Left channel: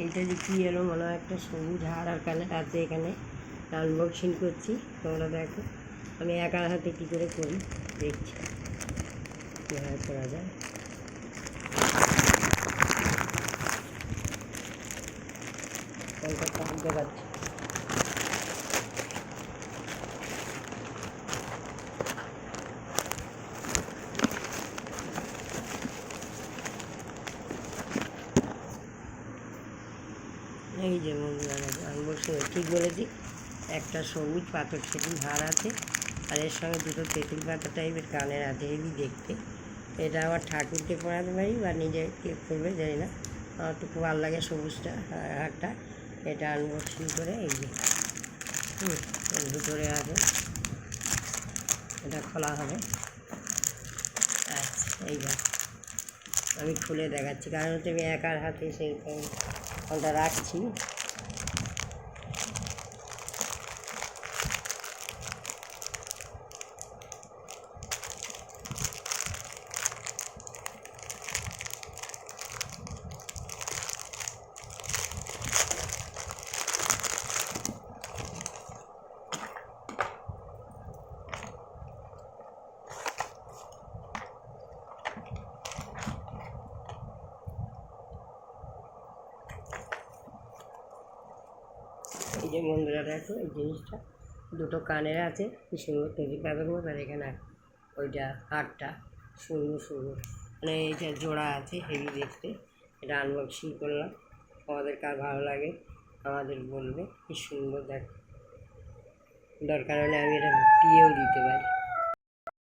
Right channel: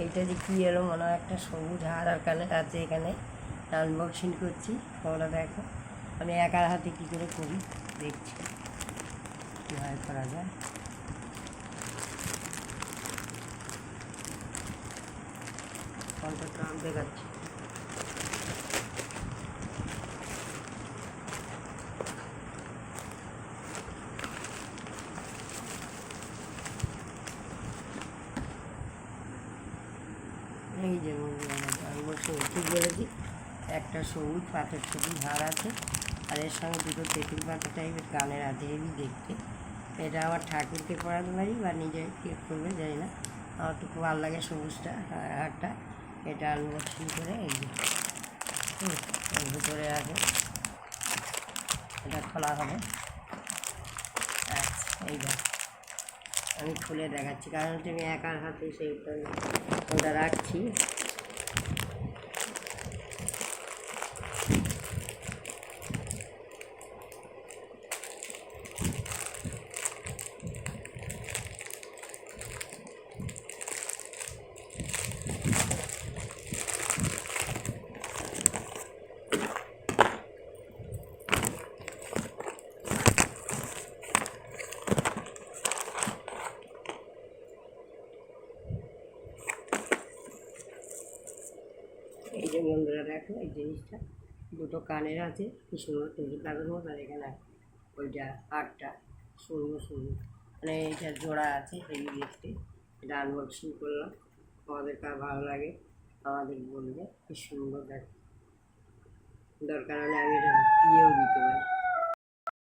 এইটা যে কী এলো মনে হয় একটা সবুজ হার আর কানের আছে, এখানে আনবক্সিং করছি। তোমরা দেখো আমি একার হাতে কী করে করি, দেখছি কীভাবে করা যায়। কলকাতা দেখাচ্ছি। এই যে বন্ধুরা আনবক্সিং ঠিক বলেছি, একটা সবুজ পাথর সেটির হার আছে, আর এর সঙ্গে দুটো তেঁতুল পাতা টাইপের কানের আছে, হেভি দেখতে। এটা আমার ঠাকুরকে পরাতে পারি বা নিজে কে করবে জানি না, আমার তো খুব ভালো লাগে সবুজটা হারটা। এটা আনবক্সিং করে এই যে এর ভিতরে আছে, এটা খোলা হবে। আচ্ছা এইবার আমি খুলে দেখাচ্ছি, কারণ হচ্ছে আমি একার হাতে সেই ওটা রাখছি। এই যে বন্ধুরা দেখো এই জিনিসটা দুটো কানের আছে, কি সুন্দর তেঁতুল পাতার মতো, আর এখানে ওইটা হারটা সুন্দর সুন্দর, মানে এইটা জোড়া আছে, হেভি দেখতে। এটা আনবক্সিং করলাম, আমাদের কার ভালো লাগে আমাদের বলবে। কি সুন্দর দেখ, দরকার হলে আমি এটা বিয়েও দিতে পারি।